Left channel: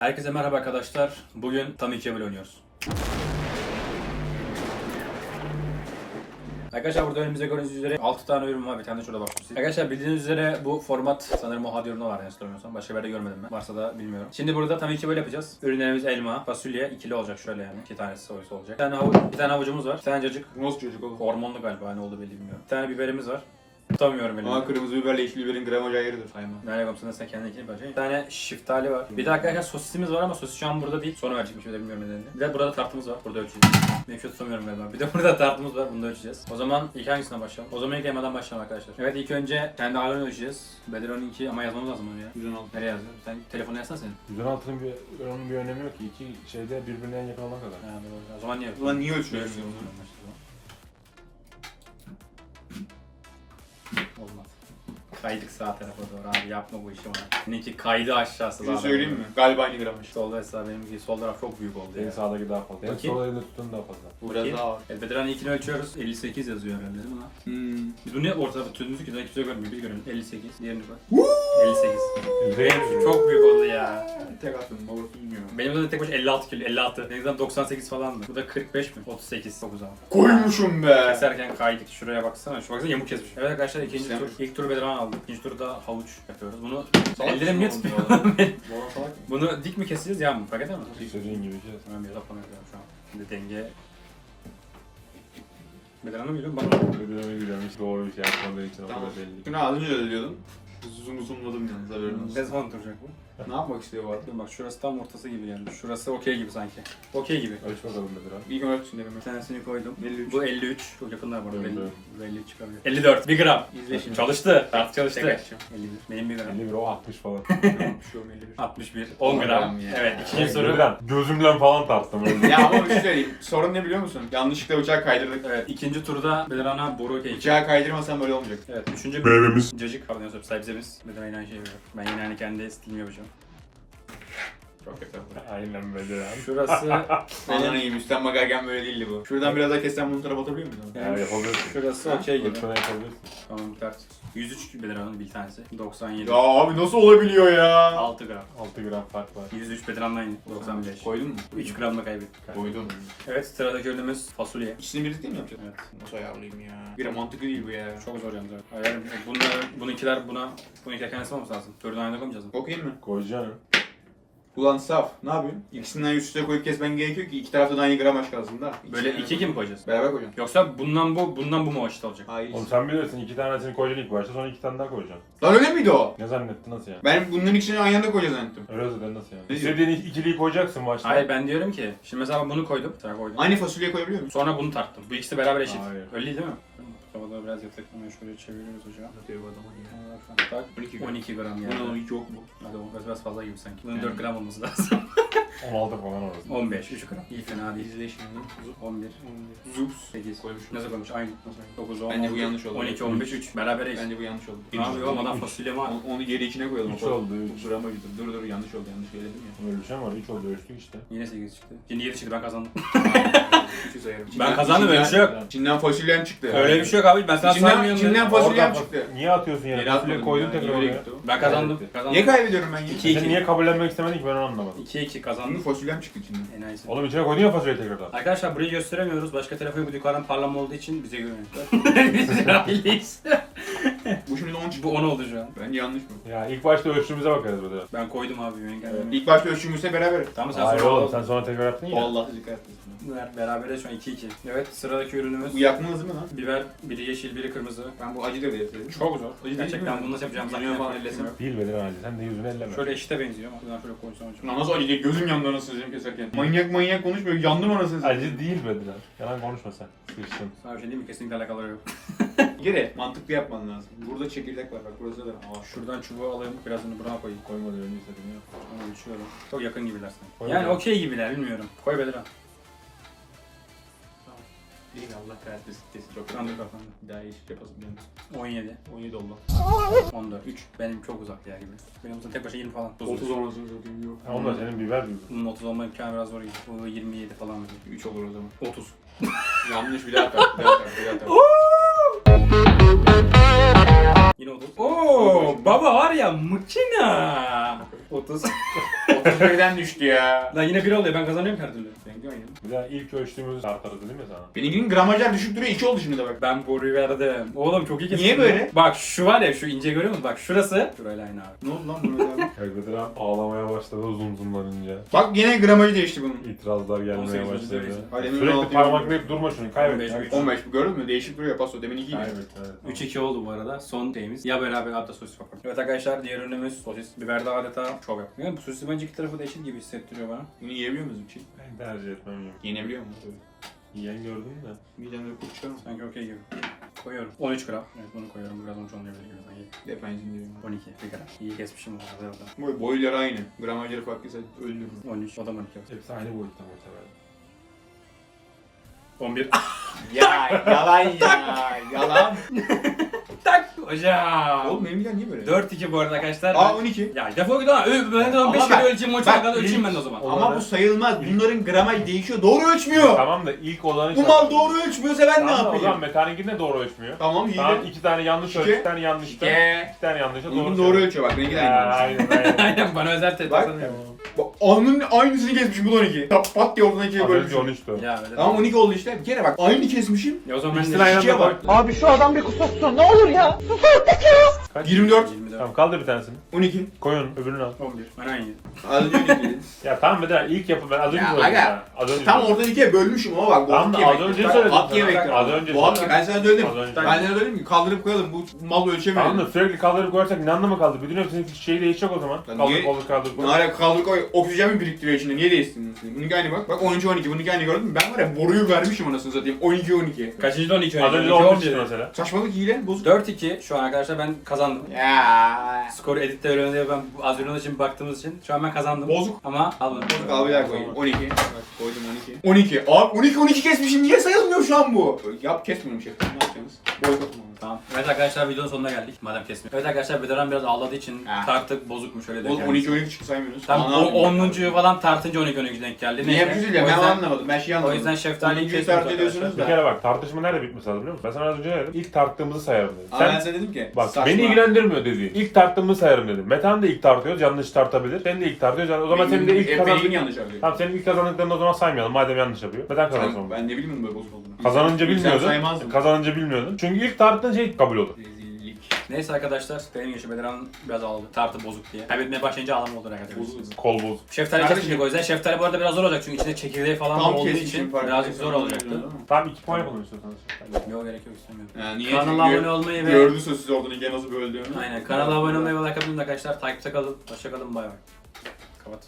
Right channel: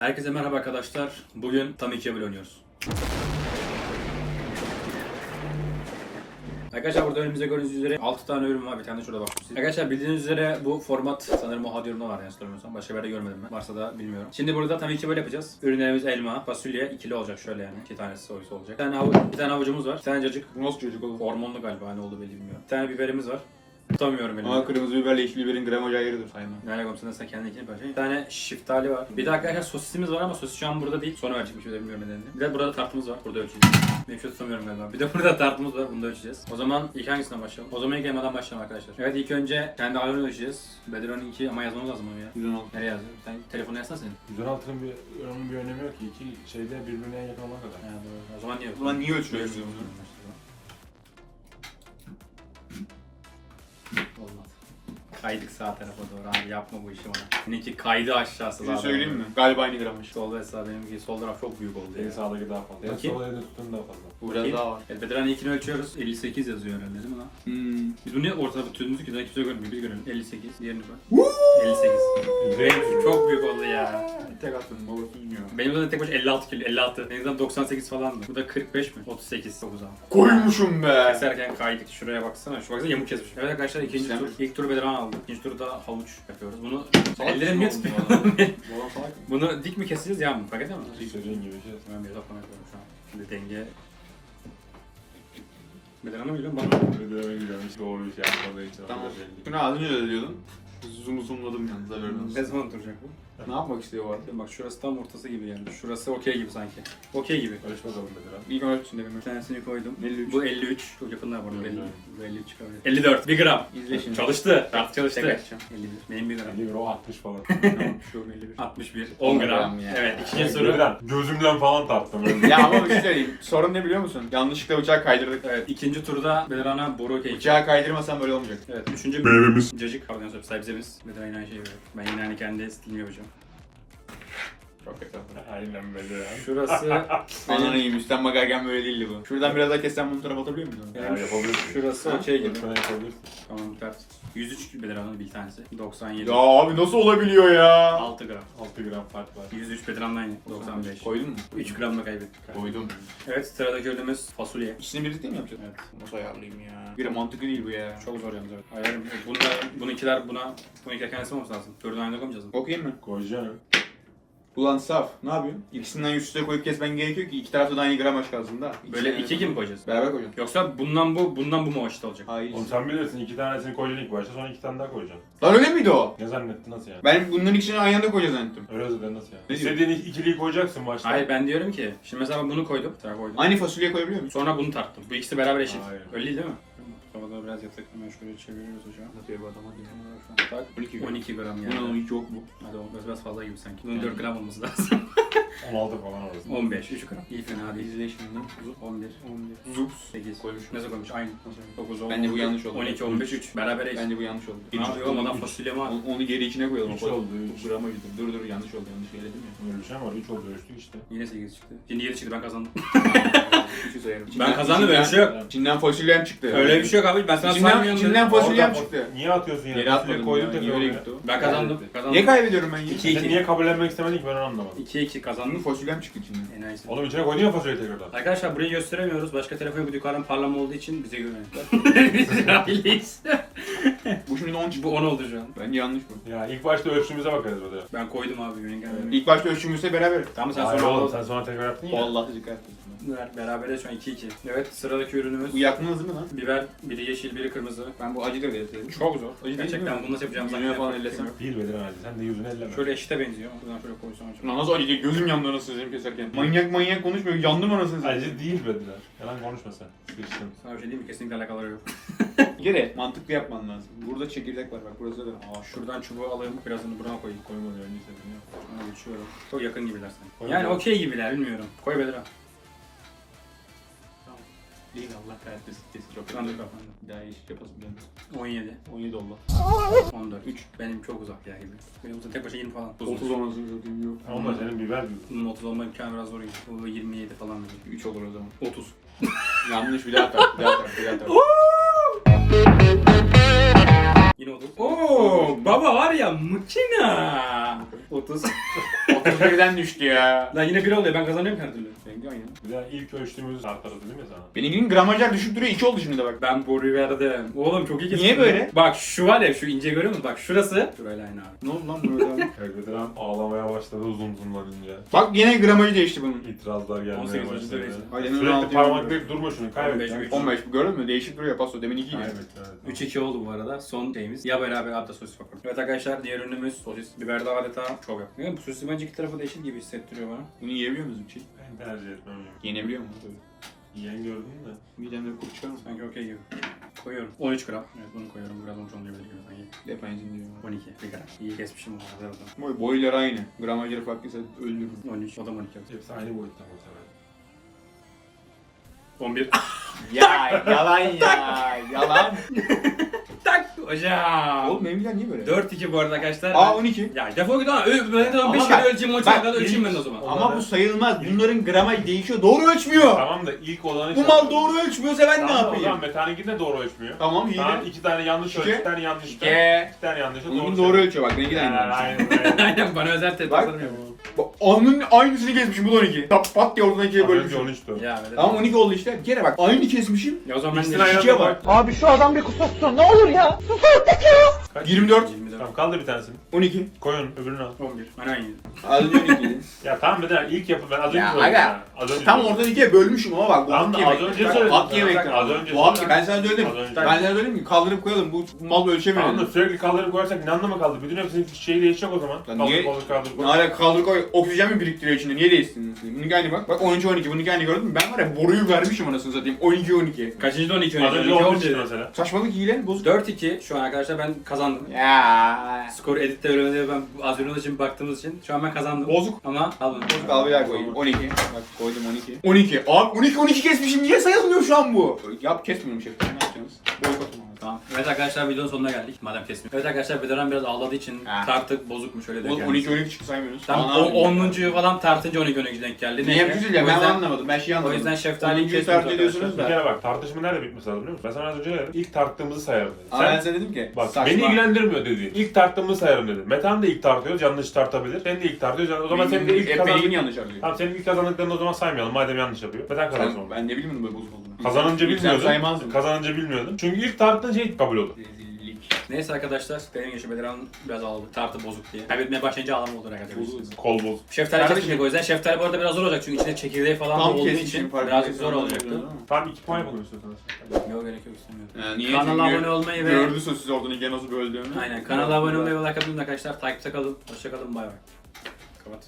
Herkese merhaba arkadaşlar. Bugün tam 2 oynuyoruz. Arkadaşlar burada önümüzde gördüğünüz üzere 6 tane ürün var. Bir tane de şurada bakmışsınız. Arkadaşlar bildiğiniz üzere bu format sanırım o yorumda var yani sormuyorsam. Başka bir yerde görmedim ben. Varsa da bilmiyorum. Şimdi burada tabii ki böyle yapacağız. Ürünlerimiz elma, fasulye, ikili olacak şöyle yani. İki tanesi soyusu olacak. Bir tane, havuç, bir tane havucumuz var. Bir tane cacık. Nasıl çocuk oğlum? Hormonlu galiba ne oldu belli bilmiyorum. Bir tane biberimiz var. Tutamıyorum elimde. Ama kırmızı biberle yeşil biberin gramajı ayrıdır. Aynen. Merak etme sen kendin bence. Bir tane şiftali var. Bir de arkadaşlar sosisimiz var ama sosis şu an burada değil. Sonra verecek bir şey de bilmiyorum nedenini. Bir de burada tartımız var. Burada ölçeceğiz. Şu tutamıyorum galiba. Bir de burada tartımız var. Bunu da ölçeceğiz. O zaman ilk hangisine başlayalım? O zaman ilk elmadan başlayalım arkadaşlar. Evet ilk önce kendi ayarını ölçeceğiz. Bedirhan'ın iki ama yazmamız lazım onu ya. 116. Nereye yazdın? Sen telefonu yazsana senin. 116'nın bir, bir önemi yok ki. İki şeyde birbirine yakın olana kadar. Ha, doğru. O zaman niye? Ulan niye ölçüyoruz Ölçüyoruz. Kaydık sağ tarafa doğru abi yapma bu işi bana. Seninki kaydı aşağısı. Bir şey söyleyeyim mi? Galiba aynı gramaj. Solda hesabı benimki sol taraf çok büyük oldu Benim ya. sağdaki daha fazla. En Bakayım. sola elinde tuttuğum daha fazla. Bu biraz Bakayım. daha var. Evet Bedirhan ilkini ölçüyoruz. 58 yazıyor herhalde değil mi lan? Hmm. Biz bunu niye ortada tutuyoruz ki? Daha kimse görmüyor. Biz görelim. 58. Diğerini bak. 58. Benim çok büyük oldu ya. Tek attım. Olur bilmiyor. Benim zaten tek başına 56 kilo. 56. Benim zaten 98 falandı. Bu da 45 mi? 38. Çok uzak. Koymuşum be. Keserken kaydık. Şuraya baksana. Şu baksana yamuk kesmiş. Evet arkadaşlar ikinci tur. İlk turu Bedirhan aldı. İkinci turda havuç yapıyoruz. Bunu Salak ellerim mısın yetmiyor. oğlum bu adam? Bu adam salak mı? Bunu dik mi keseceğiz ya mı? Fark eder mi? İlk söylediğin gibi bir şey. Tamam biraz yapmam lazım şu an. Şimdi denge... Bedirhan'ı mı geliyorum bana mı? Ödeme gidiyorum. Hiç doğru bir şey yapmadığı için. Tamam. Şunu az önce de diyordun. Zoom zoomladım yalnız haberin olsun. Ne zaman duracak bu? Ne yapmak istiyor bu arada? Bak şurası tam ortası gibi geldi. Şurası okey gibi sanki. Okey gibi. Ölç bakalım Bedirhan. İlk ölç için dedim. Bir tanesini koydum. 53. Bu 53. Çok yakınlar. 50, bu 53 çıkabilir. 54. 1 gram. İzle şimdi. Çalıştı. Artık çalıştı. Tek açacağım. 51. Benim 1 gram. 50 bir o 60 falan. Şu 51. 61. 10 gram. ya. Evet ikinci soru. Gözümden falan tarttım. öyle. ya ama bir şey söyleyeyim. Sorun ne biliyor musun? Yanlışlıkla bıçağı kaydırdık. Evet ikinci turda Bedirhan'a boru keyif. Bıçağı kaydırmasam böyle olmayacak. Evet üçüncü Meyvemiz. Cacık. Pardon söyleyeyim sebzemiz. Bedirhan yine aynı şeyi veriyor. Ben yine aynı kendi stilimi yapacağım. Çok. Aynen. Şurası Ananı yiyeyim. Üstten bakarken böyle değildi bu. Şuradan biraz daha kessen bunu tarafa atabiliyor muyuz? benim Yani yapabilirsin. şurası okey gibi. Lütfen yapabilirsin. Tamam ters. 103 Bedirhan'ın bir tanesi. 97. Ya abi nasıl olabiliyor ya? 6 gram. 6 gram fark var. 103 Bedirhan'dan aynı. 95. Koydun mu? 3 gram da kaybettik. Koydum. Evet sıradaki ürünümüz fasulye. İkisini birlikte mi yapacağız? Evet. Nasıl ayarlayayım ya? Bir de mantıklı değil bu ya. Çok zor yalnız. evet. Ayarım. Bunlar, bununkiler buna, bununki kendisi olması lazım. Dördün aynı koymayacağız mı? Okuyayım mı? Koyacaksın. Ulan saf. Ne yapıyorsun? İkisinden üst üste koyup kesmen gerekiyor ki iki tarafta da aynı gramaj kalsın da. Böyle iki gibi mi koyacağız? Beraber koyacaksın. Yoksa bundan bu, bundan bu mu olacak? Hayır. Oğlum sen bilirsin iki tanesini koyacaksın ilk başta sonra iki tane daha koyacaksın. Lan öyle miydi o? Ne zannettin nasıl yani? Ben bunların ikisini aynı anda koyacağız zannettim. Öyle ben nasıl yani? Ne İstediğin ik- ikiliyi koyacaksın başta. Hayır ben diyorum ki, şimdi mesela bunu koydum, sonra koydum. Aynı fasulye koyabiliyor musun? Sonra bunu tarttım. Bu ikisi beraber eşit. Hayır. Öyle değil mi? Tavada biraz yatak hemen şöyle çeviriyoruz hocam. Nasıl bu adama diyor. Tak. 12 gram. 12 gram yani. ne hiç yok bu. Hadi o biraz- biraz fazla gibi sanki. Bunun Yani. 4 gram olması lazım. 16 falan orası. 15, 3 gram. İyi fena değil. İzle şimdi. 11, 11. Zups. 8. Koymuş. Nasıl koymuş? Aynı. 9, 10, Bence bu yanlış oldu. 12, 15, 3. Beraber eşit. Bence bu yanlış oldu. Ne yapıyor oğlum adam fasulye mi var? Onu, onu geri içine koyalım. Üç O- oldu, o üç. Gramajı dur. Dur yanlış oldu. Yanlış söyledim ya. Öyle bir şey var. 3 oldu ölçtük işte. Yine 8 çıktı. Şimdi 7 çıktı ben kazandım. Sayarım. Ben kazandım öyle bir şey yok. İçinden fasulyem çıktı. Öyle bir şey yok abi ben sana saymıyorum. içinden fasulyem çıktı. Niye atıyorsun yani? Geri atmadım koydun ya. tekrar Niye öyle gitti o? Ben kazandım. Kazandım. Niye kaybediyorum ben yine? İki. Sen niye kabullenmek istemedin ki ben onu anlamadım. 2 2 Kazandım. fasulyem çıktı içinden. Enayisi. Oğlum içine koydun ya fasulyeyi tekrardan. Arkadaşlar burayı gösteremiyoruz. Başka telefon bu yukarıdan parlama olduğu için bize güvenmişler. Biz aileyiz. Bu şimdi 10 çıktı. bu 10 oldu şu an. Bence yanlış bu. Ya ilk başta ölçümüze bakarız bir de. Ben koydum abi yenge. İlk başta ölçümüzse beraber. Tamam sen sonra oğlum sen sonra tekrar yaptın ya. Vallahi dikkat et. Ver, berabere şu an 2 2. Evet sıradaki ürünümüz Bu yakmanız mı lan? biber, biri yeşil, biri kırmızı. Ben bu acı da dedim. Çok zor. değil Gerçekten mi? bunu nasıl yapacağımızı Yüzüne falan ellesem. Bedir abi sen de yüzüne elleme. Şöyle eşite benziyor ama buradan şöyle koysam hocam. Lan nasıl acı değil? Gözüm yandı anasını satayım keserken. Manyak manyak konuşmuyor. Yandım anasını satayım. Acı değil abi. Yalan konuşma sen. Sana bir şey diyeyim mi? Kesinlikle alakaları yok. Kere mantıklı yapman lazım. Burada çekirdek var bak burası da. Aa, şuradan çubuğu alayım, birazını buraya koyayım. Koyma diyor önce istedin ya. Onu geçiyorum. Çok yakın gibiler sana. Koy Yani okey gibiler, bilmiyorum. Koy. Değil mi? Allah kahretmesin. Kesin çok Sandık kapandı. Bir daha iş yapasın geldi. 17, 17 oldu. 14, 3. Benim çok uzak ya gibi. Benim zaten tek başına 20 falan. 30 anasını satayım yok. Onlar senin biber gibi. Bunun 30 olma imkanı biraz zor gibi. Bu 27 falan gibi. 3 olur o zaman. 30. Yanlış bir daha tak. Bir daha tak. Bir daha tak. Yine 30. Oo, baba var ya makina. 30. 31'den düştü ya. Lan yine bir oluyor ben kazanıyorum her türlü. Benimki aynı. Bir daha ilk ölçtüğümüz tartları dedim ya sana. Benimkinin gramajlar düşük duruyor 2 oldu şimdi de bak. Ben boruyu verdim. Oğlum çok iyi kesin. Niye böyle? Bak şu var ya şu ince görüyor musun? Bak şurası. Şurayla aynı abi. Ne oldu lan bu Elbette ağlamaya başladı uzun uzunlanınca. Bak yine gramajı değişti bunun. İtirazlar gelmeye 18 başladı. Hadi hemen Sürekli altı parmaklayıp durma şunu kaybet. 15, yani. üç. 15 bu gördün mü? Değişik duruyor paso. Demin 2 idi. Kaybet evet. 3-2 oldu bu arada. Son şeyimiz. Ya beraber hatta sosis bakalım. Evet arkadaşlar diğer ürünümüz sosis. Biber de adeta çok yapıyor. Yani bu sosis bence iki tarafı değişik gibi hissettiriyor bana. Bunu yiyebiliyor musun bir şey? Ben tercih etmem. Yenebiliyor musun? Yiyen gördün mü? Midemde kurt çıkar mı? Sanki okey gibi. Koyuyorum. 13 gram. Evet bunu koyuyorum. Biraz 13 olmayabilir gibi sanki. Depensin diyor. 12 bir gram. İyi kesmişim bu arada da. Boy, boyları aynı. Gramajları farklıysa öldürürüm. 13. O da 12 yok. Hepsi aynı boyutta mesela. 11. ya yalan ya. Yalan. hocam. Oğlum benim midem niye böyle? 4-2 bu arada arkadaşlar. Aa Ben- 12. Ya defol git lan. Ö- Ben de 15 Ama kere bak- ölçeyim, 13 bak, kadar ölçeyim ben de o zaman. Ama bu sayılmaz. Bunların gramaj değişiyor. Doğru ölçmüyor. Tamam da ilk olanı... Bu mal doğru ölçmüyorsa ben ne yapayım? zaman mekanikin de doğru ölçmüyor. Tamam iyi Tamam, de. iki tane yanlış İki. ölçü, iki tane yanlış. İki. İki tane yanlış. Bunun doğru ölçüyor bak. Benimki de aynı. Aynen bana özel tet Bak. Bak onun aynısını kesmişim bu da 12. Tap pat diye ortadan ikiye bölmüşüm. 13'tü. Ya öyle Tamam değil. 12 oldu işte. Bir kere bak aynı kesmişim. Ya o zaman ben de ikiye bak. Abi şu adam bir kusursun ne olur ya. 24. 24. Tamam kaldır bir tanesini. 12. Koyun öbürünü al. 11. Ben aynı. Az önce 12'ydi. Ya tamam bir daha ilk yapı ben az önce Ya, koydum aga. ya. Az önce Tam ortadan ikiye bölmüşüm ama bak bu Tamam hak da az yemektir. önce Bak, söyledim Hak sana. yemektir. Az önce Bu hak söyledim. ben sana söyledim. Az önce. Ben sana söyledim ki kaldırıp koyalım bu mal ölçemiyor. Tamam da sürekli kaldırıp koyarsak ne anlamı kaldı? Bütün hepsinin şeyi değişecek o zaman. Lan Kaldır niye- kaldır kaldır. Ne alaka kaldır koy oksijen mi biriktiriyor içinde niye değişsin? Bununki aynı bak. Bak 13 12 bununki aynı gördün mü? Ben var ya boruyu vermişim anasını satayım. 12 12. Kaçıncı da 12 Az önce 12 olmuş 11. mesela. Saçmalık hile bozuk. 4-2 şu an arkadaşlar ben kazandım. Ya. Skoru editte öğreniyor ben bu az önce için baktığımız için şu an ben kazandım. Bozuk. Ama al bunu. Bozuk al bir daha koyayım. 12. Bak koydum 12. 12. Abi 12 12 kesmişim. Niye sayılmıyor şu an bu? Yap kesmiyorum şef. Ne yapacaksınız? Boykot mu? Tamam. Evet arkadaşlar videonun sonuna geldik. Madem kesmiyor. Evet arkadaşlar Bedaran biraz ağladığı için Ha. tartık bozukmuş öyle denk Oğlum geldi. 12 12 çıktı saymıyorsunuz. Tam Aa, o yapayım 10'uncuyu falan tartınca 12 12 denk geldi. Niye Neyse. yapıyorsunuz ya? O Ben yüzden- anlamadım. Ben şey anlamadım. O yüzden şeftaliyi 10'uncuyu kesiyoruz tart ediyorsunuz arkadaşlar. Bir da. kere bak tartışma nerede bitmiş biliyor musun? Ben sana az önce dedim. İlk tarttığımızı sayarım dedim. Ama ben Sen, sana dedim ki. bak saçma. beni ilgilendirmiyor dedi. İlk tarttığımızı sayarım dedim. Metan da ilk tartıyoruz yanlış tartabilir. Sen de ilk tartıyoruz yani o zaman senin de ilk Hep kazan... benimkini yanlış arıyor. Tamam senin ilk kazandıklarını o zaman saymayalım madem yanlış yapıyor. Metan kazansın onu. ben ne bileyim bunun böyle bozuk olduğunu. Kazanınca Sen bilmiyordun. saymazdım. Kazanınca bilmiyordun. Çünkü ilk tarttığın şey kabul olur. Rezillik. Neyse arkadaşlar benim geçi Bedaran biraz ağladı. Tartı bozuk diye. Kaybetmeye başlayınca ağlama oldu arkadaşlar. Bozuk. Kol boz. Şeftali Kardeşim- kesmeyecek o yüzden. Şeftali bu arada biraz zor olacak çünkü içinde çekirdeği falan da Tam olduğu kesmişim için fark birazcık zor olacaktı. Tamam iki puan yapalım istiyorsanız. Yok gerek yok istemiyorum. Ya niye? Kanala abone olmayı ve Gördü sosis oradan gene nasıl böldüğünü. Aynen kanala abone olmayı ve like atmayı arkadaşlar. Takipte kalın. Hoşça kalın bay bay. Kapat.